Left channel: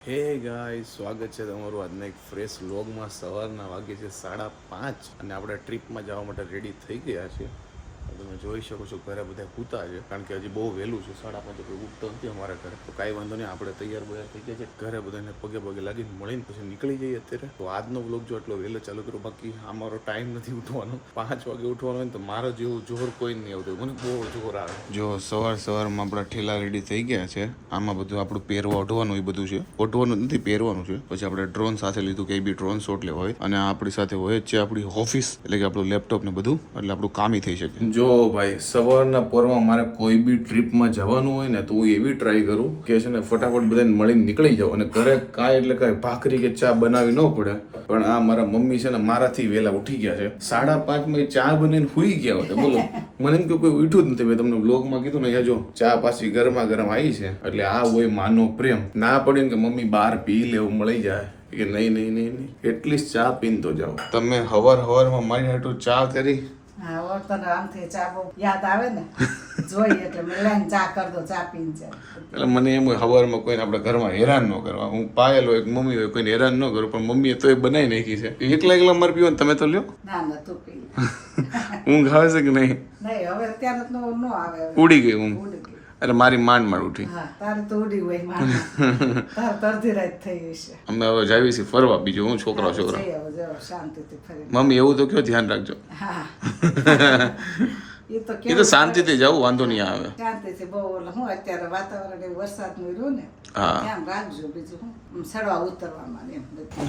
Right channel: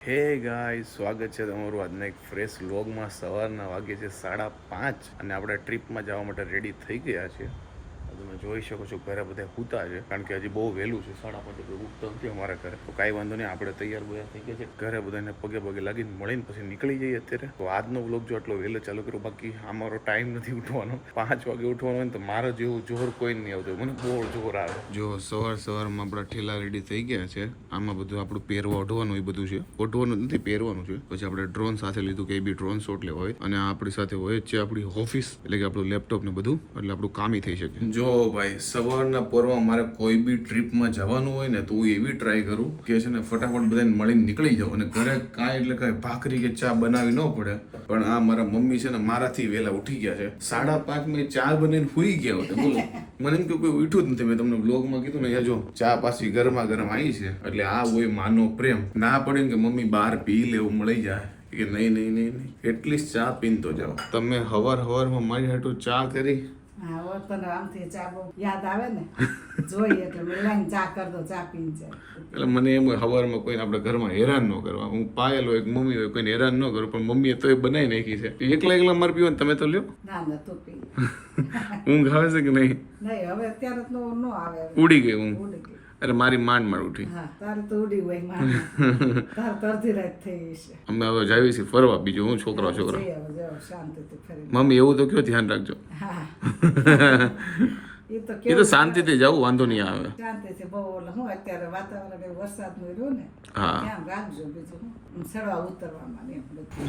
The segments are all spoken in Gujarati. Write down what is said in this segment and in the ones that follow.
હે ગાય સ્વાગત છે તમારું આજના એક ફ્રેશ વ્લોગમાં સવારના વાગે છે સાડા પાંચ અને આપણે ટ્રીપમાં જવા માટે રેડી થઈ ગયા છે તમે જોઈ શકો છો, ઘરે બધા સૂતા છે, કારણ કે હજી બહુ વહેલું છે, સાડા પાંચ તો ઉઠતો નથી અમારા ઘરે. તો કાંઈ વાંધો નહીં, આપણે તૈયાર બૈયાર થઈ ગયા છે. ઘરે બધાને પગે પગે લાગીને મળીને પછી નીકળી જઈએ અત્યારે. તો આજનો બ્લોગ જો આટલો વહેલો ચાલુ કર્યો બાકી અમારો ટાઈમ નથી ઉઠવાનો. પાંચ વાગે ઉઠવાનો હોય તો મારો જેવું જોર કોઈ નહીં આવતું. મને બહુ જોર આવે. જો સવાર સવારમાં આપણા ઠેલા રેડી થઈ ગયા છે. આમાં બધું આપણું પહેરવા ઓઢવાનું એ બધું છે. ઓઢવાનું નથી, પહેરવાનું છે. પછી આપણે ડ્રોન સાથે લીધું કે બી ડ્રોન શોટ લેવા હોય. અને આપણી સાથે હોય છે આપણી ઓફિસ, એટલે કે આપણું લેપટોપ ને બધું, એટલે આપણું કામી થઈ શકે. જો ભાઈ સવારના પોરમાં મારે કોઈ બી ટ્રીપમાં જવાનું હોય ને તો હું એવી ટ્રાય કરું કે છે ને ફટાફટ બધાને મળીને નીકળી જાઉં અને ઘરે કાંઈ એટલે કાંઈ ભાખરી કે ચા બનાવી ન પડે. પણ આ મારા મમ્મી છે ને મારાથી વહેલા ઉઠી ગયા છે. સાડા પાંચમાં ચા બનાવીને હુઈ ગયા હતા બોલો. મને એમ કે કોઈ ઉઠ્યું જ નથી. મેં તમને બ્લોગમાં કીધું ને જો, ચા પાછી ગરમા ગરમ આવી છે. એટલે આ હોય માનો પ્રેમ. ના પડે કે મમ્મી બહાર પી લેવું મળી જાય. કે નહીં નહીં નહીં નહીં. એટલીસ્ટ ચા પીને તો જાઓ. તમે હવાર હવારમાં મારી હાટું ચા કરી હા હવે આમથી ચા બહુ યાદ આવે ને જોઈએ એટલે મેં ચા કરી દો ચા પીને જાય. એટલે મને એમ હોય સવારમાં કોઈને આપણે ઘરમાં હેરાન ન કરવા. હું પાયલ હોય મમ્મી હોય કોઈને હેરાન ન કરું પણ મમ્મીએ તો એ બનાવી નાખી છે. એકલા એકલા મારે પીવાનું તમે તો લ્યો. ના ના તું પી. ઊંઘ આવે છે કે નહીં? નહીં હવે અત્યારે તો ન આવે. ઉડી ગઈ ઊંઘ. અરે મારી માંડ માંડ ઉઠી. તારે તો ઉડી હોયમાં તારે અડધી રાત થઈ હશે અમે હવે જાવી છીએ ફરવા બીજું હું છોકરા છોકરા. મમ્મી એવું તો કયો ધ્યાન રાખજો. હા. એ તો શાંતિથી જવું વાંધો નહીં આવે. શાંતિથી બહુ હું અત્યારે વાતાવરણ વરસાદનું રહ્યું ને હા. રાખજો બીજું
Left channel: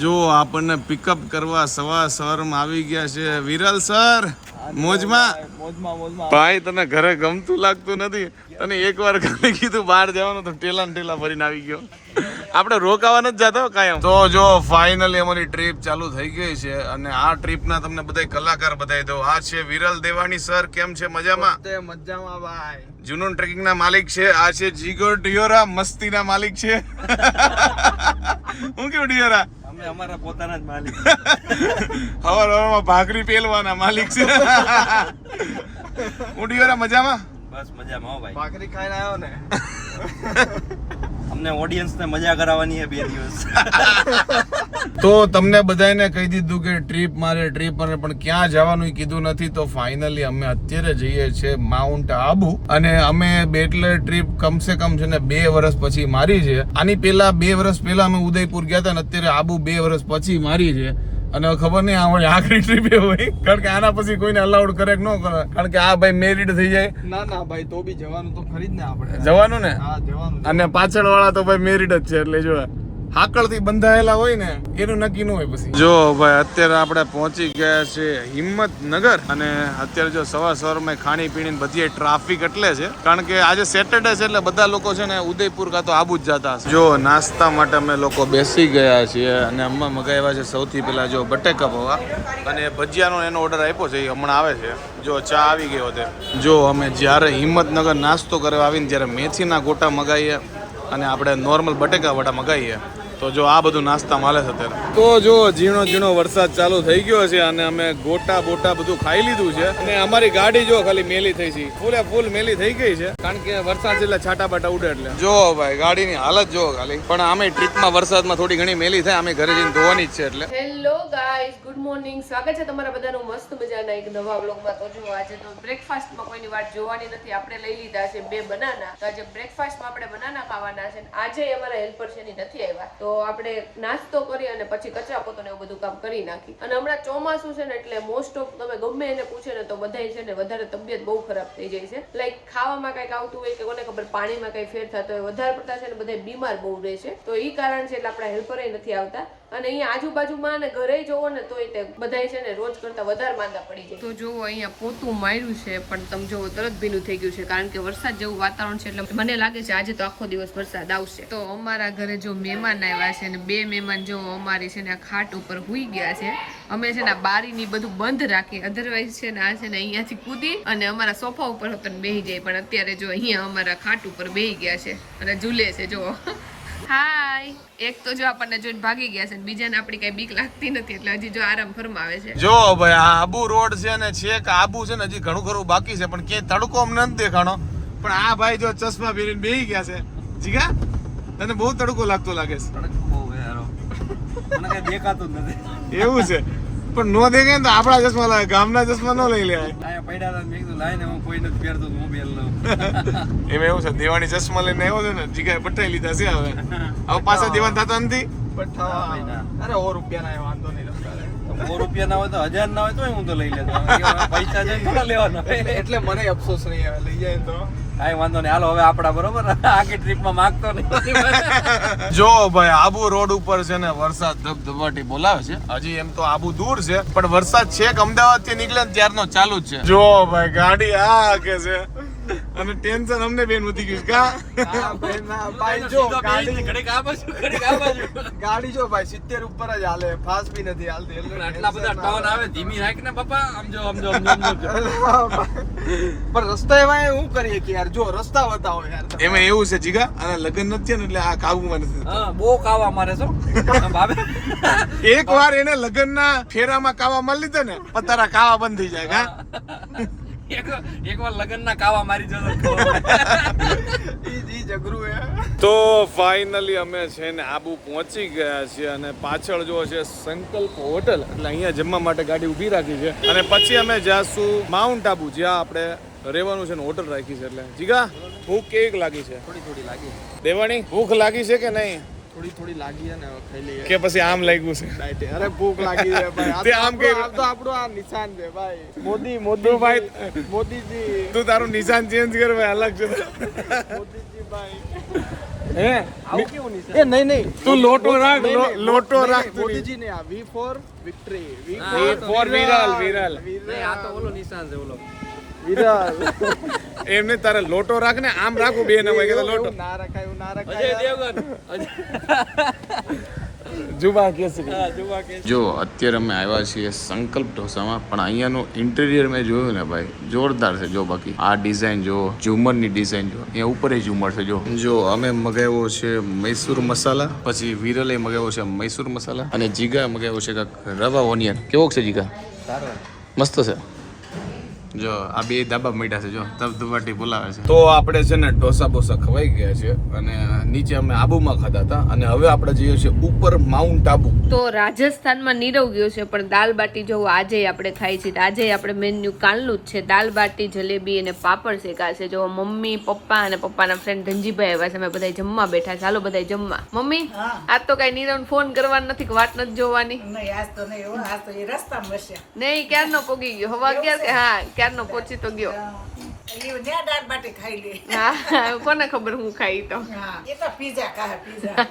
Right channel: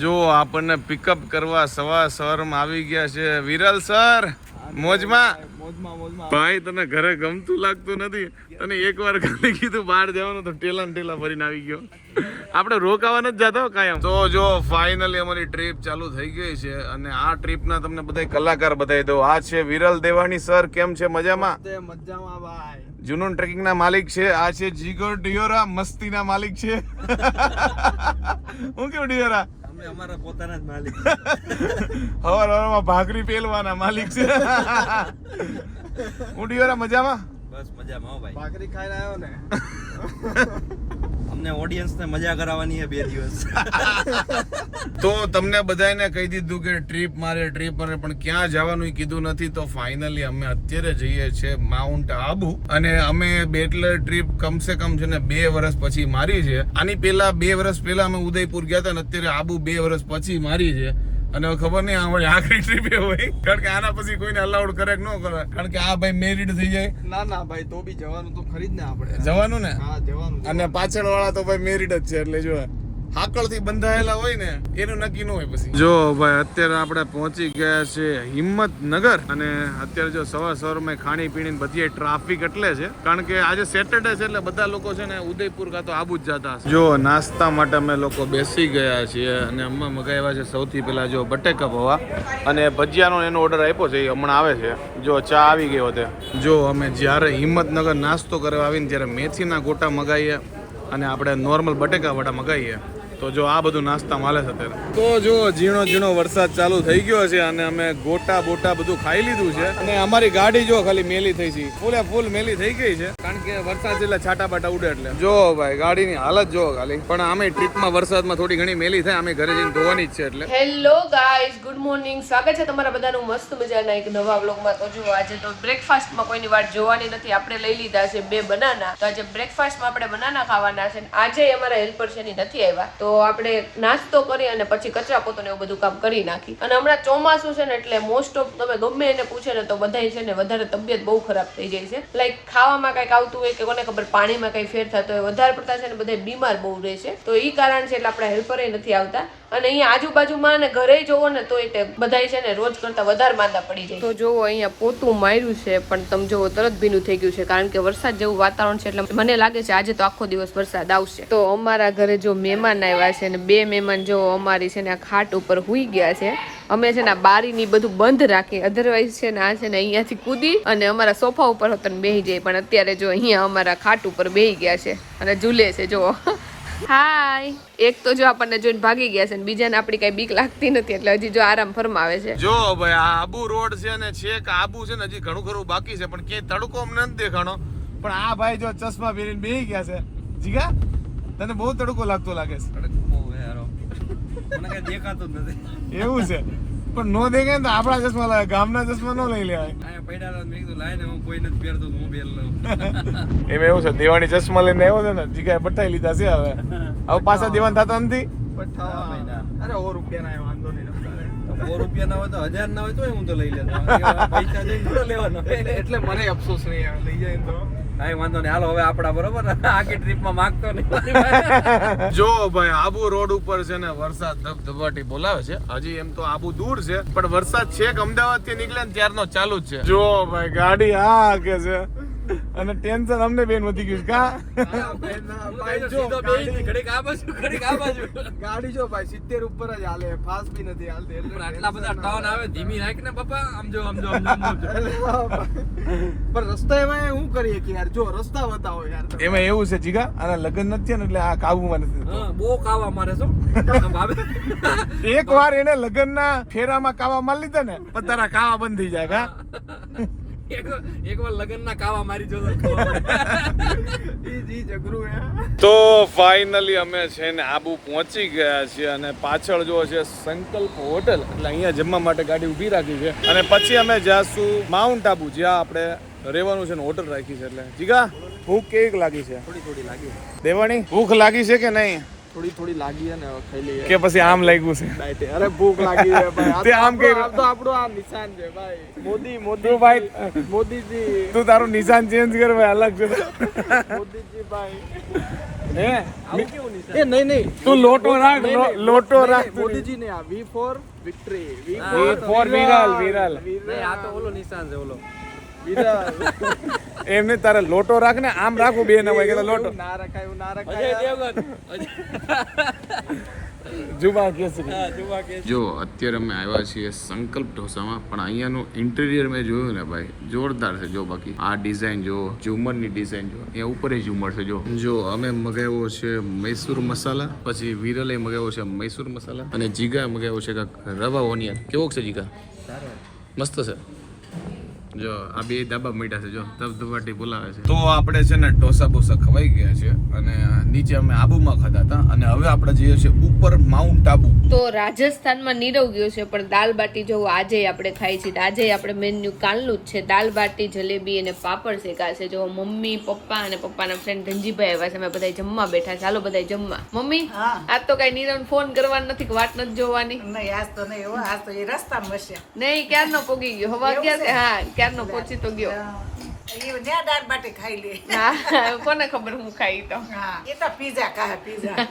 જો આપણને પિકઅપ કરવા સવા સવારમાં આવી ગયા છે. વિરલ સર મોજમાં? ભાઈ તને ઘરે ગમતું લાગતું નથી? તને એકવાર ખાલી કીધું બહાર જવાનું તો ટેલા ને ટેલા ભરીને આવી ગયો. આપણે રોકાવા નથી જતો હો કાયમ. તો જો ફાઇનલી અમારી ટ્રીપ ચાલુ થઈ ગઈ છે અને આ ટ્રીપના તમને બધા કલાકાર બતાવી દો આ છે વિરલ દેવાણી સર કેમ છે? મજામાં? મજામાં ભાઈ. જુનૂન ટ્રેકિંગ ના માલિક છે. આ છે જીગો ડિયોરા મસ્તી ના માલિક છે. હું કેવું ડિયોરા? અમે અમારા પોતાના જ માલિક. હવાર હવારમાં ભાખરી પેલવાના માલિક છે. હું ડિયોરા મજામાં? બસ મજામાં હો ભાઈ. ભાખરી ખાઈને આવ્યો ને. ને મજા કરાવવાની છે બે દિવસ. તો તમને બધાને કહી દીધું કે ટ્રીપ મારે ટ્રીપ મારે, પણ ક્યાં જવાનું કીધું નથી, તો ફાઇનલી અમે અત્યારે જઈએ છીએ માઉન્ટ આબુ અને અમે બેટલર ટ્રીપ કમસે કમ છે ને બે વર્ષ પછી મારી છે. આની પહેલા બે વર્ષ પહેલા અમે ઉદયપુર ગયા હતા ને અત્યારે આબુ બે વર્ષ પછી મારી છે. અને ખબર નહીં અમારી આખરી ટ્રીપ એ હોય. કારણ કે આના પછી કોઈને અલાઉડ કરે કે ન કરે. કારણ કે આ ભાઈ મેરિડ થઈ જાય. ના ના ભાઈ તો બી જવાનું તો ખરી જ ને આપણે. જવાનું ને? હા જવાનું અને પાછળ વાળા તો ભાઈ મેરિડ જ છે એટલે જો હાકળથી બંધાયેલા હોય ને, એનું નક્કી ન હોય પછી. જો ભાઈ, અત્યારે આપણે પહોંચી ગયા છે હિંમતનગર અને અત્યારે જો સવાર સવારમાં ખાણી પીણી બધી ટ્રાફિક એટલે છે. કારણ કે આજે સેટરડે છે એટલે બધા લોકો છે ને ઉદયપુર કાં તો આબુ જ જતા હશે. જો નાસ્તા માટે અમે લોકો બેસી ગયા છીએ અને અમે મગાવ્યા છે સૌથી પહેલા જો બટેકા પૌવા અને ભજીયાનો એનો ઓર્ડર આપ્યો છે, એ હમણાં આવે છે. જો ચા આવી ગયો તે જો અમે જ્યારે હિંમતનગર નાસ્તો કરવા આવીને ત્યારે મેથીના ગોટા મગાવીએ અને આપણે નોર્મલ બટેકા વડા મગાવીએ તો જો આ બધું નાસ્તા માલે છે અત્યારે. તો જો ઝીણો ઝીણો વરસાદ ચાલુ થઈ ગયો છે અને અમે ગોટા બોટા બધું ખાઈ લીધું છે. અને અમારી ગાડી જો ખાલી મેલી થઈ છે. ફૂલે ફૂલ મેલી થઈ ગઈ છે. કારણ કે વરસાદ એટલે છાટા બાટા ઉડે એટલે. જો ભાઈ ગાડીની હાલત જો ખાલી. પણ અમે ટ્રીપમાં વરસાદમાં થોડી ઘણી મેલી થાય અમે ઘરે જઈને ધોવાની જ છે એટલે. હેલો ગાઈસ ગુડ મોર્નિંગ સ્વાગત છે તમારા બધાનું મસ્ત મજાના એક નવા વ્લોગમાં તો જો આજે તો બ્રેકફાસ્ટમાં કોઈની વાત જોવાની નથી. આપણે લઈ લીધા છે બે બનાના તો આજે બ્રેકફાસ્ટમાં આપણે બનાના ખાવાના છે. આજે અમારા હેલ્પર છે નથી આવ્યા. તો આપણે નાસ્તો કરી અને પછી કચરા પોતો એવું બધું કામ કરી નાખી. અને હમણાં ચોમાસું છે ને એટલે મોસ્ટ ઓફ તમે ગમે એને પૂછે ને તો બધાય છે ને વધારે તબિયત બહુ ખરાબ થઈ જાય છે. લાઈક ખાવામાં કંઈક આવતું હોય કે કોને ખબર પાણીમાં કંઈ ફેર થતો હોય, વધારે પડતા છે ને બધા બીમાર બહુ રહે છે. તો એ કારણ છે એટલે આપણા હેલ્પરે નથી આવતા. અને અહીંયા આજુબાજુમાં ને ઘરે જોવો ને તો બધાય છે ને રોજ કરતા વધારે માંદા પડી જાય તો જોવો, અહીંયા પોતું માર્યું છે, પણ તમે જોવો, તરત ભીનું થઈ ગયું છે, કારણ કે વરસાદ જેવું વાતાવરણ છે, એટલે મને લાગે છે આજે તો આખો દિવસ વરસાદ આવશે. તો અમારા ઘરે જો મહેમાન આવ્યા છે ને, બે મહેમાન જો અમારી છે ને આ ખાટ ઉપર હુઈ ગયા છે, અમે છે ને આ બારીની બધું બંધ રાખી અધરવાઇઝ છે ને આ છે ને અહીંયાથી કૂદી અને અમારા સોફા ઉપર હોતન બેહી જાય પણ અત્યારે જો અહીંયા અમારા ખાટ ઉપર બેહી ગયા છે અને ઝૂલે છે જો હાય. એક તો જો આપણને જોઈને ભાગી ગયા છે ને બીજાને આપણી કઈ બીક લાગતી નથી એટલે હજી જો આરામ ફરમાવે છે. જો ભાઈ આ આબુ રોડ છે ને છેક આબુ છે ને હજી ઘણું ખરું બાકી છે પણ ક્યાંય તડકો અમને નથી દેખાણો. પણ આ ભાઈ જો ચશ્મા પહેરીને બેહી ગયા છે. જીગા તને બહુ તડકો લાગતો લાગે છે. તડકો બહુ યાર. મને કઈ દેખાતું જ નથી. એવું છે. પણ નો દેખાય ને તો આપણા ચશ્મા લાવે ગામના ચશ્મા નો લઈ લેવાય. આયા પડ્યા હતા મેં કીધું લાઈને હું કોઈ નથી પહેરતો તો હું લઉં. એમ એવું છે દેવાની ચશ્મા લઈને આવ્યો છે ને જીગાએ પઠાઈ લીધા છે હવે. હવે પાછા દેવાન થતા નથી. અરે સો રૂપિયા ના વાંધો નહીં સો રૂપિયા ના હોય તો હજાર ના હોય તો હું તો લઈ લેતો. પૈસા જઈને થોડા લેવાના. એટલે મને અફસોસ નહીં આવે લઈ જાય તો. કાંઈ વાંધો નહીં. હાલો, હવે આપડા બરોબર? આખી ટ્રીપમાં માગતો નહીં. જો ભાઈ, આબુ રોડ ઉપર છે ને વરસાદ ધબધબાટી બોલાવે છે. હજી એમ તો આબુ દૂર છે, પણ વરસાદ છેક અમદાવાદથી નીકળે ત્યારનો ચાલુ જ છે. જો ભાઈ, ગાડી આ કે છે. અને ટેન્શન અમને બેન વધી ગયું કા. ગાડી જો ભાઈ સિત્તેર ઉપર જ હાલે ફાસ્ટ બી નથી હાલતી. એટલે આટલા બધા ટર્ન આવે. ધીમી રાખ ને પપ્પા આમ જો આમ જો આમ જો, આમ જો. પણ રસ્તા એમાં શું કરીએ કે યાર જો રસ્તા બતાવો યાર. એમાં એવું છે જીગા અને લગ્ન નથી ને એટલે આ કાવું નથી થતું. હા બહુ કાવા મારે છો. ભાભી. એક વાર એને લગ્નના ફેરામાં કાવા મારી લીધા ને પણ તારા કાવા બંધ થઈ જાય કા? તો ફાઇનલી અમે છે ને આબુ પહોંચી ગયા છીએ અને પાછળ જો છે સંકલ્પ હોટલ એટલે અહીંયા જમવા માટે ગાડી ઊભી રાખી છે. અને પછી અમે જાશું માઉન્ટ આબુ જ્યાં આપણે રહેવાનું છે ને હોટલ રાખી છે એટલે. જીગા ભૂખ કેવી લાગી છે? થોડી થોડી લાગી. દેવાણી ભૂખ લાગી છે કે નહીં? થોડી થોડી લાગી છે ને હવે ખાઈ લઈએ. કે પછી આમ લાગ્યું છે? ડાયટે અરે ભૂખ લાગી છે ભાઈ. તે આમ આપણું- આ તો આપણો આ નિશાન છે ભાઈ. મોદી મોદી ભાઈ મોદીજી. તું તારું નિશાન ચેન્જ કર ભાઈ અલગ છે. મોદીજી ભાઈ. હે? એ નહીં નહીં. તું લોટો રાખ લોટો રાખ મોદીજી ને આ V for victory V for Viral. Viral આ તો ઓલો નિશાન છે ઓલો. એમને તારે લોટો રાખ ને આમ રાખું બે ને કે લોટો. ના રાખાય એવું ના રખાય જો અત્યારે અમે આવ્યા છીએ સંકલ્પ ઢોસામાં પણ અહીંયાનું ઇન્ટિરિયર મેં જોયું ને ભાઈ જોરદાર છે જો બાકી. આ ડિઝાઇન જો ઝુમરની ડિઝાઇન જો અહીંયા ઉપર ઝુમર છે જો. જો અમે મગાવ્યો છે મૈસૂર મસાલા પછી વિરલે મગાવ્યો છે મૈસૂર મસાલા અને જીગા મગાવ્યો છે કાંઈક રવા ઓનિયન. કેવો છે જીગા? મસ્ત છે. જો આ બે ધાબા મીઠા છે જો ધબધબાટી બોલાવે છે. તો આપણે છે ને ઢોસા બોસા ખવાઈ ગયા છે અને નીચે અમે આબુમાં ખાધા હતા અને હવે આપણે જઈએ છીએ ઉપર માઉન્ટ આબુ. તો રાજસ્થાનમાં નીરવ ગયો છે પણ દાલ બાટી જો આજે આપણે ખાઈ છે આજે આપણે મેન્યુ કાલનું જ છે. દાલ બાટી જલેબી અને પાપડ શેકા છે. જો મમ્મી પપ્પા અને પપ્પાના ફ્રેન્ડ ધનજીભાઈ આવ્યા છે અમે બધા જમવા બેઠા છે. હાલો બધા જમવા. મમ્મી હા. આજ તો કઈ નીરવ ફોન કરવાનો નથી કે વાત નથી જોવાની. નહીં આજ તો નહીં હો આજ તો એ રસ્તામાં બસે નહીં ક્યારનો પોગી ગયો? હવા ક્યાં ક્યારે હા ક્યારનો પહોંચી તો ગયો. દાળ બાટી ખાઈ લે. કોને ખબર હું ખાઈ તો? એ તો પીઝા ખાય પીઝા.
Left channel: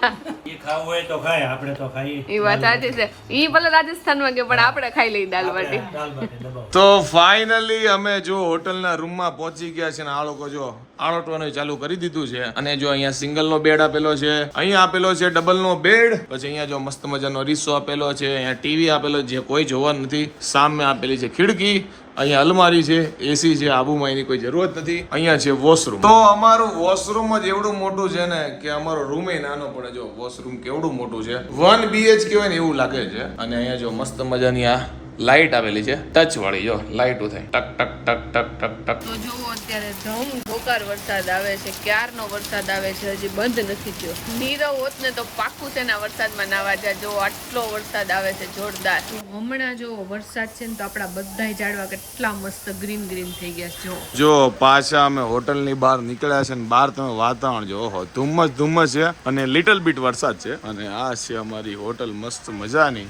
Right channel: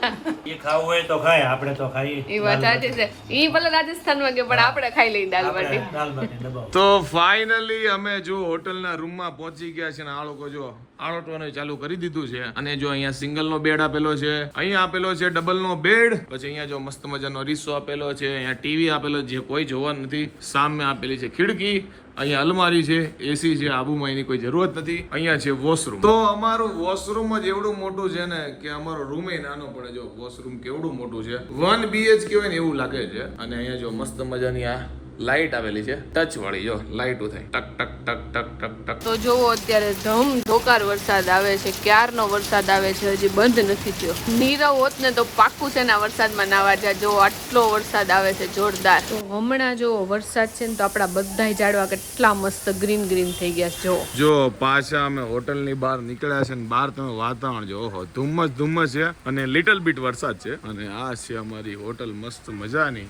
એ ખાવું હોય તો ખાય આપણે તો ખાઈએ. એ વાત સાચી છે. ઈ ભલે રાજસ્થાનમાં ગયો પણ આપણે ખાઈ લઈ દાલ બાટી. દાલ બાટી દબાવો તો ફાઇનલી અમે જો હોટલના રૂમમાં પહોંચી ગયા છે ને આ લોકો જો આળોટવાનું ચાલુ કરી દીધું છે. અને જો અહીંયા સિંગલ નો બેડ આપેલો છે અહીંયા આપેલો છે ડબલ નો બેડ. પછી અહીંયા જો મસ્ત મજાનો રીસો આપેલો છે અહીંયા ટીવી આપેલો જે કોઈ જોવા નથી સામે આપેલી છે ખિડકી. અહીંયા અલમારી છે એસી છે આબુમાં એની કોઈ જરૂરત નથી. અહીંયા છે વોશરૂમ તો અમારું વોશરૂમ જ એવડું મોટું છે ને કે અમારો રૂમ નાનો પડે જો વોશરૂમ કેવડું મોટું છે. વન બીએચકે હોય ને એવું લાગે છે. અને અહીંયા જો મસ્ત મજાની આ લાઇટ આવેલી છે ટચ વાળી જો લાઇટ ઉઠે ટક ટક ટક ટક ટક ટક. તો જોવો અત્યારે ધમ ધોકાર વરસાદ આવે છે ક્યારનો વરસાદ આવે છે હજી બંધ નથી થયો. નીરવ હોત ને તો પાક્કું છે ને વરસાદમાં નાવા જાય. જો આટલો વરસાદ આવે છે જોરદાર. તો હમણાં જો વરસાદ છે ને તો આપણા બધા ઝાડવા કેટલા મસ્ત ગ્રીન ગ્રીન થઈ ગયા છે જો. જો પાછા અમે હોટલની બહાર નીકળ્યા છે ને બહાર તમે વાતાવરણ જો ઓહો ધુમ્મસ ધુમ્મસ છે અને લિટલ બીટ વરસાદ છે. અને આ છે અમારી હોટલ મસ્ત મજાની.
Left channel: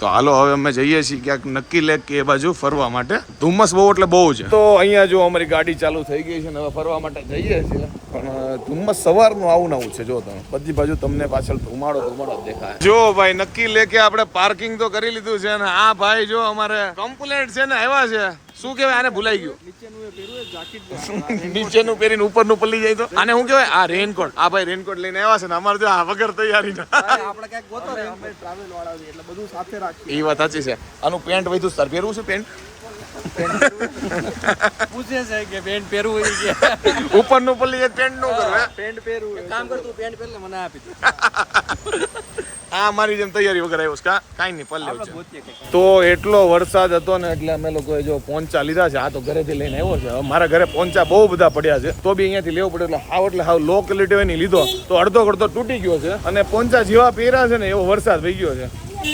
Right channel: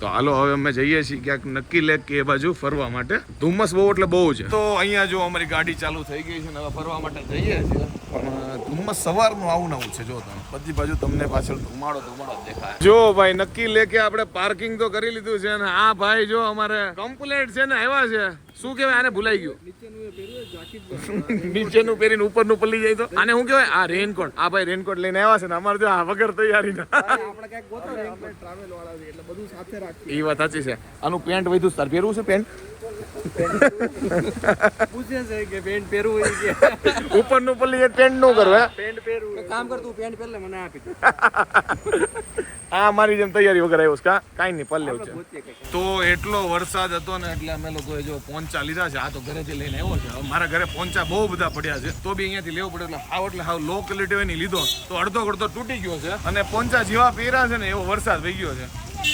તો હાલો હવે અમે જઈએ છીએ ક્યાંક નક્કી લેક કે એ બાજુ ફરવા માટે. ધુમ્મસ બહુ એટલે બહુ છે. તો અહીંયા જો અમારી ગાડી ચાલુ થઈ ગઈ છે ને હવે ફરવા માટે જઈએ છીએ. પણ ધુમ્મસ સવારનું આવું નવું છે જો તમે. બધી બાજુ તમને પાછળ ધુમાડો ધુમાડો દેખાય. જો ભાઈ નક્કી લેકે આપણે પાર્કિંગ તો કરી લીધું છે ને આ ભાઈ જો અમારે કમ્પ્લેટ છે ને આવ્યા છે. શું કહેવાય? આને ભૂલાઈ ગયું. નીચેનું પહેરીને ઉપરનું પલ્લી જાય તો? આને શું કહેવાય? આ રેનકોટ. આ ભાઈ રેનકોટ લઈને આવ્યા છે ને અમારે જો આ વગર તૈયારી ના. આપણે ક્યાંક ગોતો રે ટ્રાવેલ વાળા છે એટલે બધું સાથે એ વાત સાચી છે. આનું પેન્ટ વધુ સર. પહેરવું છે પેન્ટ? પૂછે છે કે પેન્ટ પહેરવું હોય ઉપરનું પલ્લી પેન્ટનું કરવું પેન્ટ પહેરવું કામ કરતું પેન્ટ પહેરલે મને આપી દે. આ મારી જેમ તૈયારી વગર આવ્યો કા? કાંઈ નહીં પલ્લે છે તો એટલો વરસાદ હતો ને એટલે અમે લોકોએ જો પોંચા લીધા છે. આ તો ઘરેથી લઈને આવ્યો છે. મારા ઘરે પોંચા બહુ બધા પડ્યા છે. તો બી અહીંયાથી લેવો પડે એટલે હાવ એટલે હાવ લો ક્વોલિટી હોય ને લીધો. તો અડધો અડધો તૂટી ગયો છે અને પોંચા જેવા પહેર્યા છે ને એવો વરસાદ થઈ ગયો છે.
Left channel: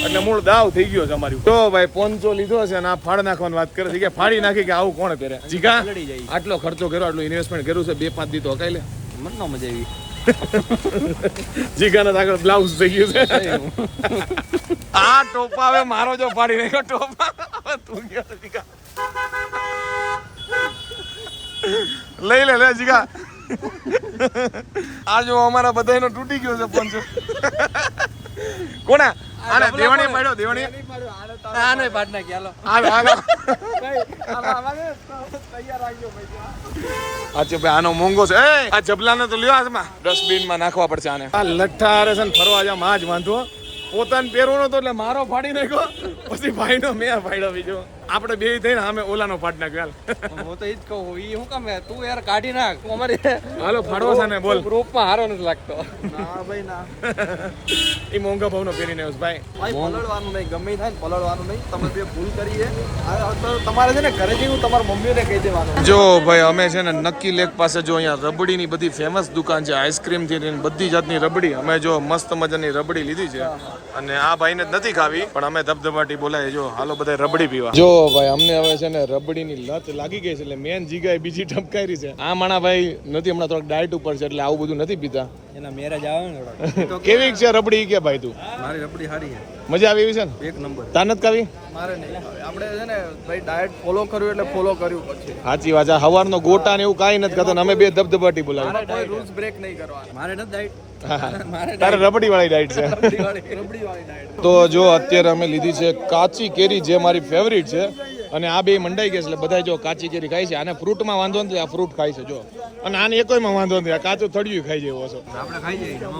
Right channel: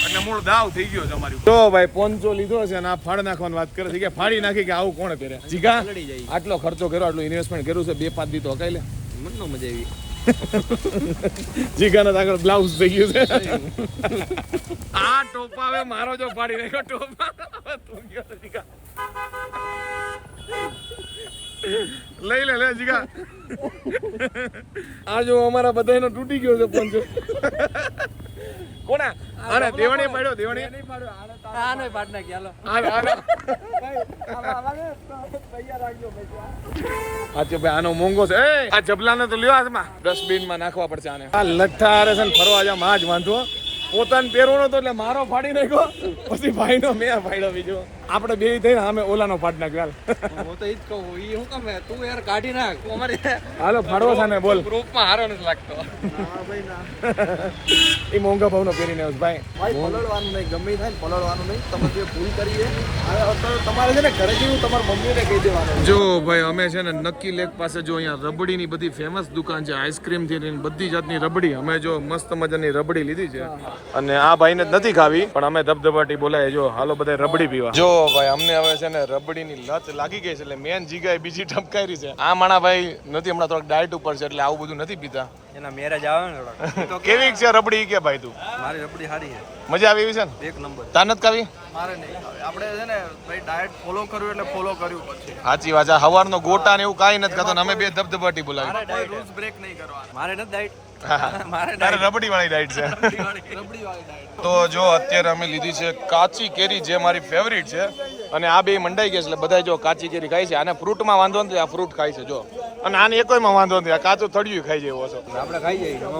એટલે મૂળ દાવ થઈ ગયો છે અમારી તો ભાઈ પોંચો લીધો છે અને આ ફાડ નાખવાની વાત કરે છે. કે ફાડી નાખી કે આવું કોણ પહેરે? જીગા આટલો ખર્ચો કર્યો આટલું ઇન્વેસ્ટમેન્ટ કર્યું છે? બે પાંચ દી તો હકાઈ લે. મને મજા આવી. જીગાના આગળ બ્લાઉઝ થઈ ગયું છે. આ ટોપા હવે મારો જો પાડી નાખ્યો, ટોપા તું ગયો જીગા. લઈ લે લે જીગા. આ જો અમારા બધાનો તૂટી ગયો છે પંજો કોના? આને દેવાણી પાડ્યો દેવાણી આને પાડ નાખી હાલો. હાલો હાલો. અચ્છા ભાઈ આનો મોંઘો છે. એ આ જબલાને તો લ્યો હાથમાં. ડસ્ટબિનમાં નાખવા પડશે આને. આ લઠ્ઠા હારે છે ને ફરવા જામ આ જ વાંધો. પોતાને પહેરવાનો તો એટલે મારો ફાડી નાખ્યો. પછી ભાઈનો મેં ફાડ્યો બીજો. આપણે બે થઈને અમે ઓલાનો ફાડ નાખ્યો હાલ. હું તો એ જ કહું એ હું કામ તું યાર કાઢી નાખ. અમારી હાલો ફાડવો છે ને બોલ. ગ્રુપમાં હારો નથી લાગતો. ના ભાઈ ના. એ મોંઘા ભાવનો પહેરીને આવ્યો ભાઈ. ભાઈ પલળવાનું નહીં ગમે થાય ને પલળવાનું નહીં. તમે જે ભૂલ કરી છે હવે તો તમારે છે ને ઘરે જેવું તમારા મમ્મીને કહી દેવાનું. જો ભાઈ અમે છે ને નક્કી લેક પાસે જો અહીંયા રબડીની બધી ફેમસ દુકાન છે આઈસ્ક્રીમથી લઈને બધી જાતની રબડી. અમે જો મસ્ત મજાની રબડી લીધી છે. અને આ ભાઈને જ નથી ખાવી પણ અમે ધબધબાટી બોલાય જો હાલો બધા રબડી પીવા. જો ભાઈ અમને હવે છે ને રબડીની લત લાગી ગઈ છે એટલે મેન જીગાએ બીજી ટપકારી છે. આ માણા ભાઈ નથી હમણાં થોડાક ડાયટ ઉપર છે એટલે આવું બધું નથી પીતા. એના મેરેજ આવે ને થોડાક. તો કેવી છે રબડી કે ભાઈ તું? મારી રબડી સારી છે. મજા આવી છે ને? એક નંબર. તાર નથી કાવી મારે નહીં આપણે છે ને ભાઈ ડાયટ ફોલો કર્યું એટલે ફોલો કર્યું પછી સાચી વાત છે. હવારનો ગોટા ને એવું કાંઈ નથી કરતો અમે બે ધબધબાટી બોલાવી કોઈ રૂલ્સ બ્રેક નહીં કરવાના. મારે નથી તારે રબડી વાળી ડાયટ છે. તો જો અત્યારે અમે લીધી છે કાચી કેરી જે મારી ફેવરિટ છે. અને આ બે મંડાઈ ગયા છે એટલે બધા જો કાચી કેરી ખાય છે. આને ફ્રૂટમાં વાંધો નથી આ ફ્રૂટ ખાય છે જો. અને આને એકોયમાં વાંધો નથી આ કાચું થડિયું ખાઈ જાય છો આપણે ખાઈ જઈએ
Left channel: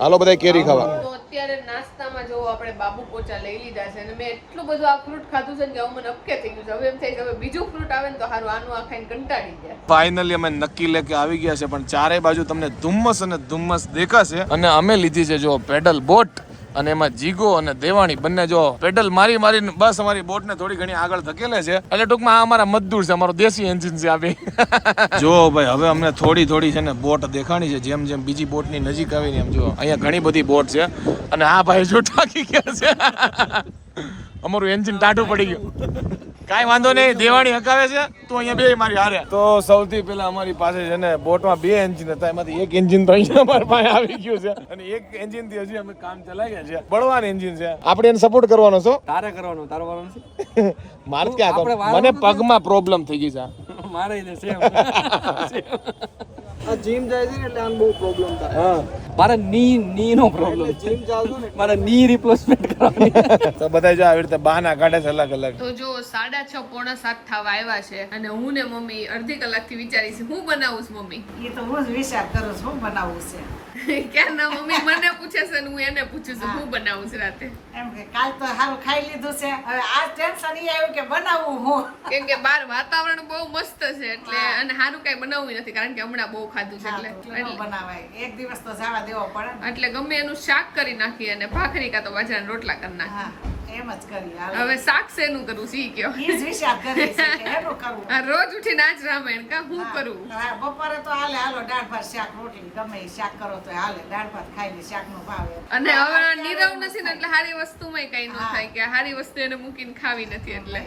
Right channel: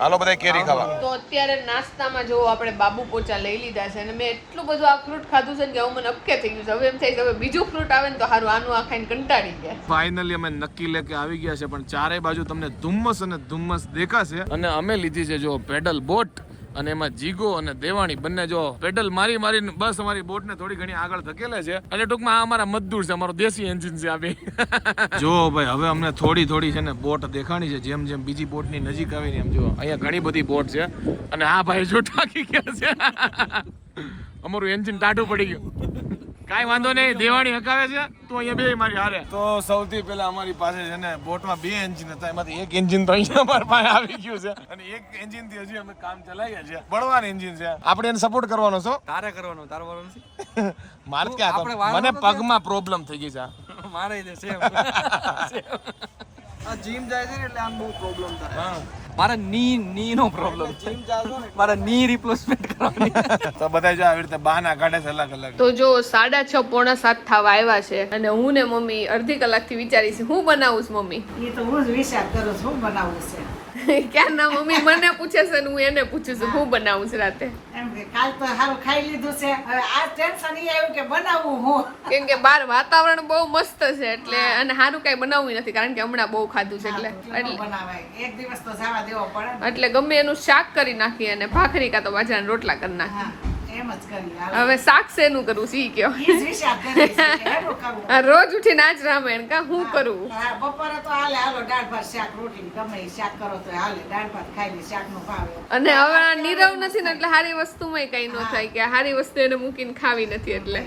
હાલો બધા કેરી ખાવા. તો અત્યારે નાસ્તામાં જો આપણે બાબુ પોચા લઈ લીધા છે અને મેં એટલું બધું આ ફ્રૂટ ખાધું છે ને કે હવે મને અપકે થઈ ગયું છે. હવે એમ થાય છે હવે બીજું ફ્રૂટ આવે ને તો સારું આનું આ ખાઈને કંટાળી ગયા. ફાઇનલી અમે નક્કી લેકે આવી ગયા છે પણ ચારે બાજુ તમને ધુમ્મસ અને ધુમ્મસ દેખાશે. અને અમે લીધી છે જો પેડલ બોટ. અને એમાં જીગો અને દેવાણી બંને જો પેડલ મારી મારીને બસ અમારી બોટને થોડી ઘણી આગળ ધકેલે છે. એટલે ટૂંકમાં અમારા મજદૂર છે, અમારો દેશી એન્જિન છે આપી જો ભાઈ, હવે અમને થોડી થોડી છે ને બોટ દેખાણી છે, જેમ જેમ બીજી બોટની નજીક આવી ને એમ જો, અહીંયા ઘણી બધી બોટ છે. અને આ ભાઈ જો ટાકી ગયા છે. અમારું એન્જિન ટાટું પડી ગયું. કાંઈ વાંધો નહીં દેવાણી હકાવે છે તો અહીંયા બે મારી હારે. તો સૌથી પહેલા અમારી પાસે છે ને બોટમાં બે એન્જિન હતા એમાંથી એક એન્જિન તો અહીંયા અમારી પાસે આવી ગયું છે. અને એક એન્જિનથી હજી અમે કામ ચલાવ્યા છે બળવાન એન્જિન છે. આપણે એને સપોર્ટ કરવાનો છો? તારે કરવાનું તારો વારો નથી? મારે ક્યાં? મને પગમાં પ્રોબ્લેમ થઈ ગઈ છે. મારે આ જીમ જાય છે ને એટલે આમ બહુ પ્રોબ્લેમ થાય. મારે ની ની નો પ્રોબ્લેમ છે. મારે ની રિપ્લેસમેન્ટ કરવાની. તો બધા જો આવી રીતે બહાના કાઢે છે અલગ અલગ. તો જો સાડા છ પોણા સાત થવા આવ્યા છે અને હું ને મમ્મી અડધી કલાકથી વિચારીશ હું બનાવું છું મમ્મી? એ તો હું જ વિચાર કરું છું હું બનાવવું છે. ક્યાં ના મમ્મી મને પૂછે છે ને હું એને પૂછું છું હું બનાવું છું રાતે. એમ કે કાલ તો સારું ખાઈ લીધું છે. હવે આ ટેન્શન એ આવ્યું કે બનાવું હું. કેમ કે બહાર વાતાવરણ બહુ મસ્ત છે એટલે અને સારું કઈ બનાવવું નથી કારણ કે હમણાં બહુ ખાધું છે એટલે. એટલે- બનાવાય. એક દિવસ તો જવા દેવો પડે એટલે ગમે એનું શાક કરી નાખીએ અને ભાખરી કાં તો બાજરાના રોટલા કરી નાખીએ. હવે શાક શેનું કરું? સી કયો? રોજ ઉઠીને આજ રામાયણ કા હું કરું? બપોરે તો હાલે હાલો દાળ ભાત શાક રોટલી ગમે શાક કરો તો હાલે દાળ ભાત ખાઈને શાક નો ભાવ અને હવે નીરવ નથી ને એટલે સારી વસ્તુમાં કઈ ન થાય કે સારી વસ્તુ એને મૂકીને ખાવી નથી એટલે.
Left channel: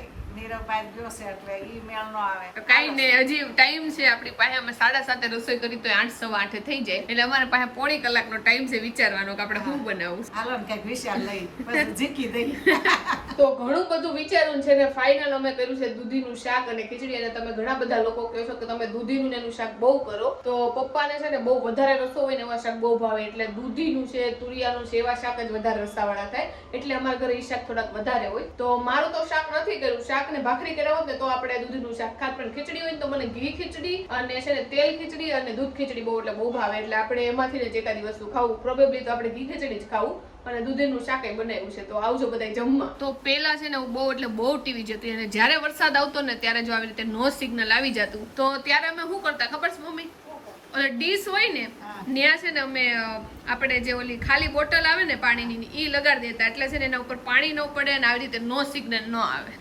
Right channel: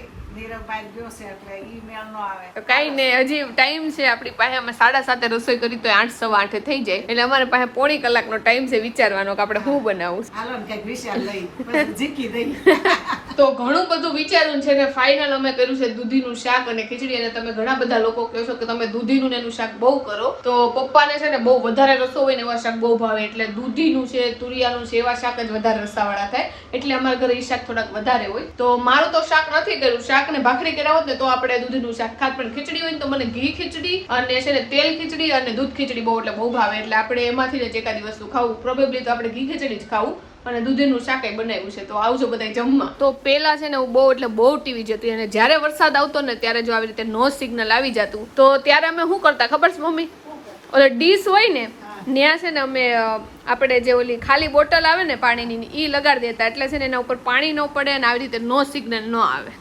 નીરવભાઈ જોશે એટલે ઈ મેળ નો આવે. તો કઈ ને હજી ટાઈમ છે આપણી પાસે અમે સાડા સાતે રસોઈ કરી તો આઠ સવા આઠે થઈ જાય. એટલે અમારે પાસે પોણી કલાકનો ટાઈમ છે વિચારવાનો કે આપણે શું બનાવું. છે. હાલો ને કંઈક વિચાર લઈ જીકી દઈ. તો ઘણું બધું વિચાર્યું છે ને ફાઇનલ અમે કર્યું છે દૂધીનું શાક અને ખીચડી. અને તમે ઘણા બધા લોકો કહો છો કે તમે દૂધીનું ને એનું શાક બહુ કરો. તો પપ્પાને છે ને બહુ વધારે રસો હોય ને એવા શાક બહુ ભાવે. એટલે દૂધીનું છે તુરિયાનું છે એવા શાક જ વધારે રસાવાળા થાય. એટલે અમારા ઘરે એ શાક થોડાક વધારે હોય. તો મારું તો શાક નથી કર્યું. શાક ને ભાખરી કરાવો ને તો આપણે દૂધીનું શાક ખાત. પણ ખીચડી હોય ને તો મને ઘી ખીચડી અને છે ને તેલ ખીચડી અને દૂધ ખીચડી બહુ એટલે બહુ ભાવે. એટલે આપણે એમાંથી જ એકાદી વસ્તુ ખાવું પ્રોબેબલી તો આપણે ઘી ખીચડી જ ખાવું અને દૂધીનું શાક બનાવ્યું છે. તો આવજો બધા જમવા. તો પેલા છે ને હું બહુ એટલે બહુ ટીવી જતી અને જ્યારે વરસાદ આવતો ને ત્યારે જો આવી રીતે નો સિગ્નલ આવી જતું. તો ત્યારે અમે શું કરતા ખબર છે મમ્મી? ઓલે ડીશ હોય ને ત્યાં છે ને અમે આપણે જે ઓલી ખાલી બોટલ આવે ને પાણીની ઈ લગાડી દેતા. એટલે છે ને એના ઉપર પાણી ન પડે અને આવી રીતે નો સિગ્નલ ન આવે.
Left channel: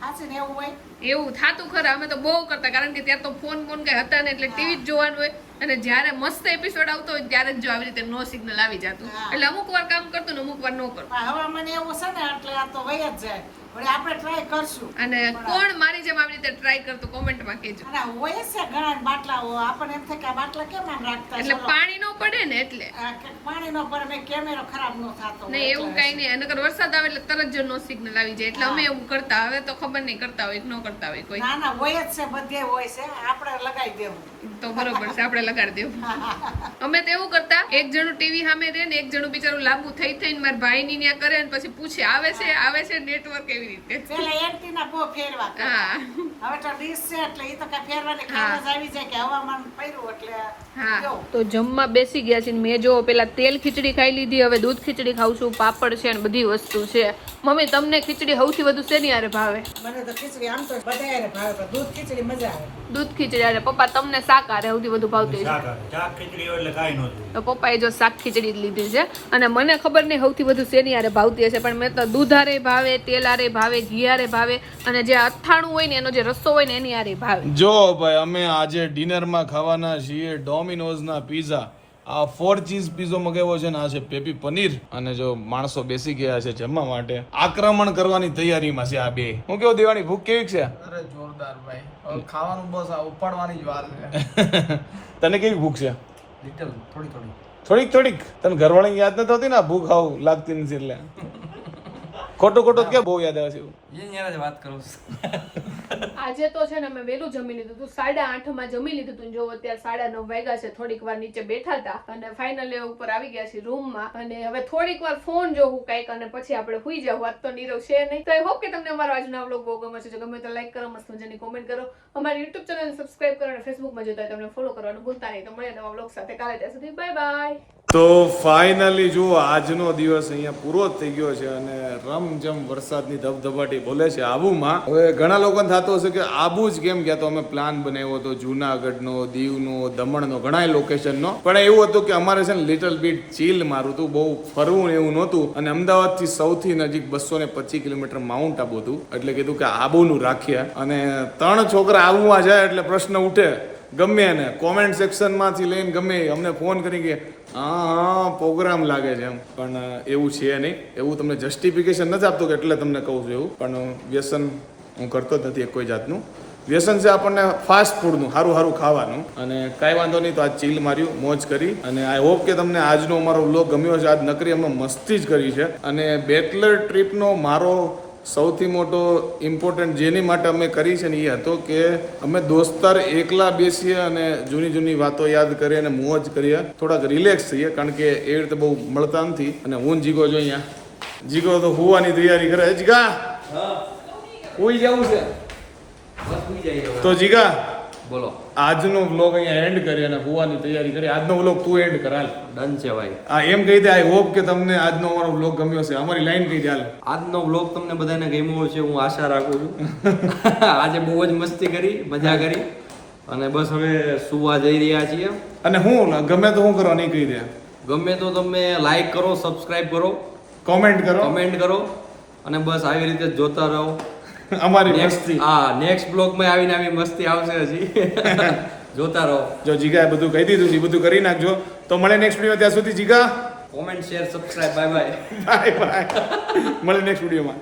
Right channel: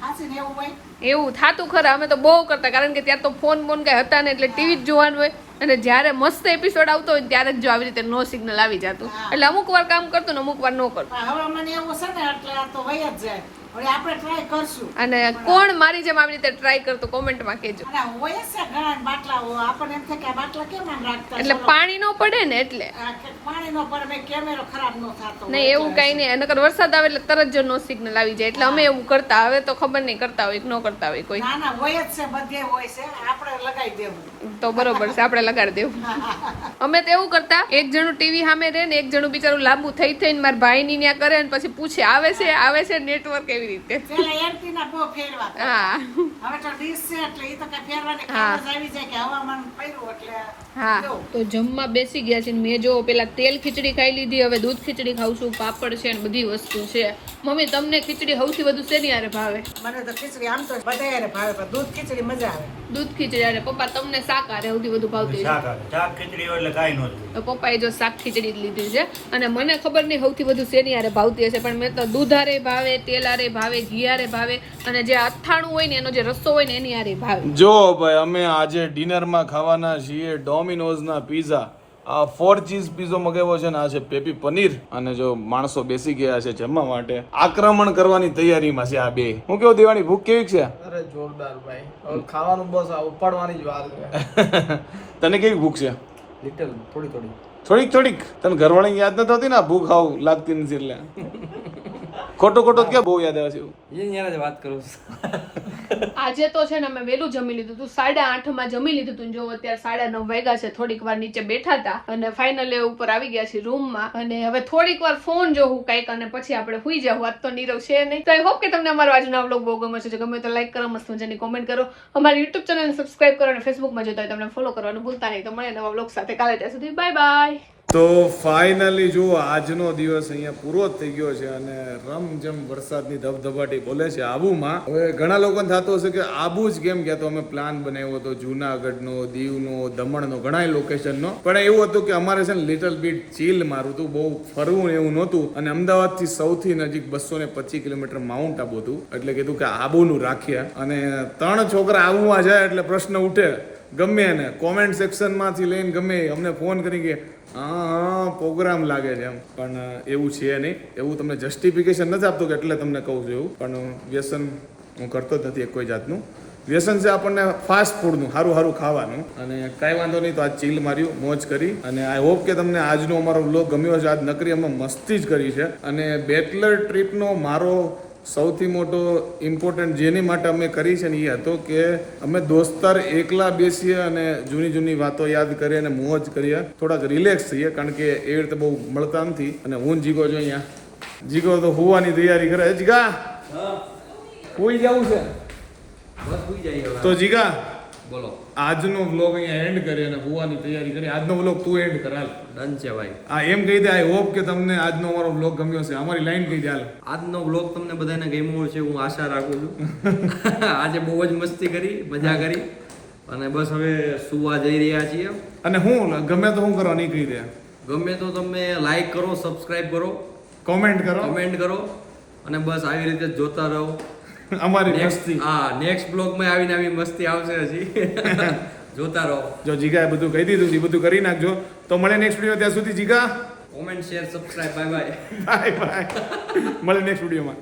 એવું થતું ખરા અમે તો બહુ કરતા કારણ કે ત્યાં તો ફોન બોન કઈ હતા ને એટલે ટીવી જ જોવાનું હોય. અને જ્યારે મસ્ત એપિસોડ આવતો હોય ત્યારે જ જો આવી રીતે નો સિગ્નલ આવી જતું. એટલે અમુક વાર કામ કરતું ને અમુક વાર ન કરતું. હવે મને એવું છે ને એટલે આ તો હોય જ જાય. અને કોણ મારી જેમ આવી રીતે ટ્રાય કરતો કોમેન્ટમાં કહેજો. એટલે પાણી ન પડે ને એટલે. પાણી નો પર કેમેરો ખરાબ ન થતો નહીં એવું કઈ નહીં. નકર વરસાદ આવે એટલે તરત જ નો સિગ્નલ આવી જાય. એટલે અમે એવું કરતા. હવે તો ખબર નહીં કરતા હોય કે ન કરતા હોય કોઈ. ના ના હોય જ છે બધે હોય છે. આપણે લગાવી દેવું. તો બરોબર છે આપણે લગાડી દેવું. અમે તો એવું કરતા એક જણું ટીવી સામે રહે ને એક જણું બિચારું લાંબુ થઈ થઈને મારા ભાઈની ત્યાં કરે ને પછી પૂછે આવે છે આવે છે નેટવર્ક એવી રીતે? પેલા એન્ટીના બહુ ફેરવા હા. હવે તો ડીશ છે એટલે ઈ તો કે ફેરવાની કામ જ આવી જાય કે હવામાન પડ્યું એટલે હા. તો જમવા બેસી ગયા છે ને મેં જો પેલા તેલ ખીચડી ખાઈ લીધી હવે દૂધ ખીચડી ખાઉં છું પાપડ છે ને બધી વસ્તુ છે. મમ્મી તમને ખીચડી સૌથી વધુ શેની હારે ભાવે? મને તો ખીચડી આમ તો બધાય ભાવે પણ દૂધ ખીચડી મજા આવે. દૂધ ખીચડી આરે પપ્પા તમને શાક હારે સૌથી વધુ ભાવતી શાક શાક ખીચડી એટલે કાઈ નો તો પપ્પાએ જો શાક ખીચડી જ લીધી છે. અને મને ખબર નહીં સૌથી વધુ શેની હારે ભાવતી હશે પણ મેં તો દૂધ આરે ભાવે તેલ હારે ભાવે ઘી ભાવે અને જે અથાણું હોય ને એનો જે રસ્સો હોય ને એની હારે ભાવે. જો ભાઈ અમે આજે ડિનરમાં ખાવાના છીએ ડોમિનોઝના પીઝા આ ફોર ચીઝ પીઝો મગાવ્યો છે ને આ છે પેપી પનીર. અને જો માણસો બેસી ગયા છે જમવા માટે આક્રમણ કરવાની તૈયારીમાં છે આ બે. હું કેવું દેવાની ભૂખ કેવી છે? અરે જોરદાર ભાઈ. હવે ખાવાનું બસ આ ઉપાડવાની જ વાત છે. તને કેવી ભૂખ છે? લિટલ થોડી થોડી. થોડીક થોડીક. તને ઘરવાળી યાદ નથી હોતી ને ભૂખ આવું લાગતી નથી એટલે. ખોટો ખોટો ક્યાં બહુ યાદ આવે છે? એ યાર જ વાત કરું છું. આજે તો છે ને અમે વહેલું જમી લીધું હતું. સાડા આઠમાં જમી લીધું હતું જો અત્યારે સાડા નવ વાગ્યા છે. થોડીક વાર નીચે બેઠા હતા અને ફાઇનલી ઉપર આવી ગયા છે રૂમમાં અને હવે થોડીક વાર ફોન જોવું કંઈક અને પછી આપણે હુઈ જાવ વાત તો નીરવ છે નહીં. તો આઈ હોપ કે તમને અમારો આજનો વ્લોગ બહુ ગમે છે જો ગમે તો લાઈક કરો મસ્ત મજાની કોમેન્ટ કરો. અમારી યુટ્યુબ ચેનલને સબસ્ક્રાઇબ કરો અને ફેસબુકમાં જોતા હોય તમને ફોલો કરવાનું ભૂલતા નહીં. તો મળે નવા વ્લોગ સાથે. કાલે ત્યાં સુધી બાય બાય તો ફાઇનલી જુઓ આજનો દિવસ અહીંયા પૂરો થઈ ગયો છે અને રમઝમ વરસાદની ધબધબાટી બોલે છે આબુમાં. હવે ઘણા લોકોને થતું હશે કે આબુ જ કેમ ગયા? તો અમે પ્લાન બનાવ્યો હતો જુનાગઢનો, દીવનો, દમણનો ઘણા લોકેશનનો પણ એવું હતું કે અમારે છે ને લિટલ બીટ ચીલ મારું હતું, બહુ ફરવું એવું નહોતું. અને અમદાવાદથી સૌથી નજીક બસો ને પચીસ કિલોમીટર માઉન્ટ આબુ હતું. એટલે કીધું કે આબુનું રાખીએ. અને ત્રણ છોકરા આબુમાં જાય એટલે પ્રશ્ન ઉઠે. ગમે એને. કોમેન્ટ સેક્શનમાંથી લઈને ગમે અમને ફોન કરી કે હા હા, પ્રોગ્રામ લાગે છે એમ. પણ એવું છે નહીં. એવું તમને જસ્ટિફિકેશન નથી આપતું કે એટલે તમને કહું છું એવું. પણ વ્યસન હું કરતો જ નથી એક કોઈ જાતનું. વ્યસન છે આપણને ફાસ્ટ ફૂડનું સારું સારું ખાવાનું. અને કાંઈ વાંધો નહીં તો આજ ચીલ માર્યું, મોજ કરી. અને આઈ હોપ કે તમને આજનો અમારો વ્લોગ ગમ્યો છે આજ નકરી અમે મસ્તી જ કરી છે. અને બેટલર ટ્રીપનો મારો સૌથી મોટો ઇમ્પોર્ટન્ટ જેની માટે અમે કરી છે ને એ હતો કે અમે દોસ્તાર એકલા બેસીએ અને જૂની જૂની વાતો યાદ કરીએ અને મોજ કરીએ. થોડાક રિલેક્સ થઈએ કારણ કે એ રીતે બહુ મળતા નથી. અને હું જીગો જો અહીંયા. જીગો તો હોવાની તૈયારી કરે. જીગા! હોઈ જવું છે. તો જીગા! બોલો. આજનો વ્લોગ અહીંયા એન્ડ કરી અને હોવાની તૈયારી કરી. આજનો વ્લોગ તું એન્ડ કર હાલ. ડન છે ભાઈ. આ એમ કહી દે આઈ હોપ કે તમને આજનો અમારો વ્લોગ ગમ્યો છે. અમારી લાઈન કહી દે હાલ. આજનો વ્લોગ તમને બધાને ગમ્યો છે હું આશા રાખું છું. આજે બહુ જ મસ્તી કરી મજા કરી. અને બસ હવે સુવા જઈ રહ્યા છીએ. અને હું ગમે તો હું કરવા નહીં કહી દે. ગમે તો તમે લાઈક કરો સબસ્ક્રાઇબ કરો. કોમેન્ટ કરો. કોમેન્ટ કરો. અને બસ આવી રીતે જોતા રહો. અમારી મસ્તી. હા નેક્સ્ટ બ્લોગમાં આવીને આવી મસ્તી આવશે હજી. જોતા રહો. જો જીગાએ બધું કહી દીધું છે બધું કરી નાખજો. તો મળે નેક્સ્ટ વીડિયો ત્યાં સુધી જીગા. Comment share subscribe bye bye bye bye મળે નેક્સ્ટ વિડીયોમાં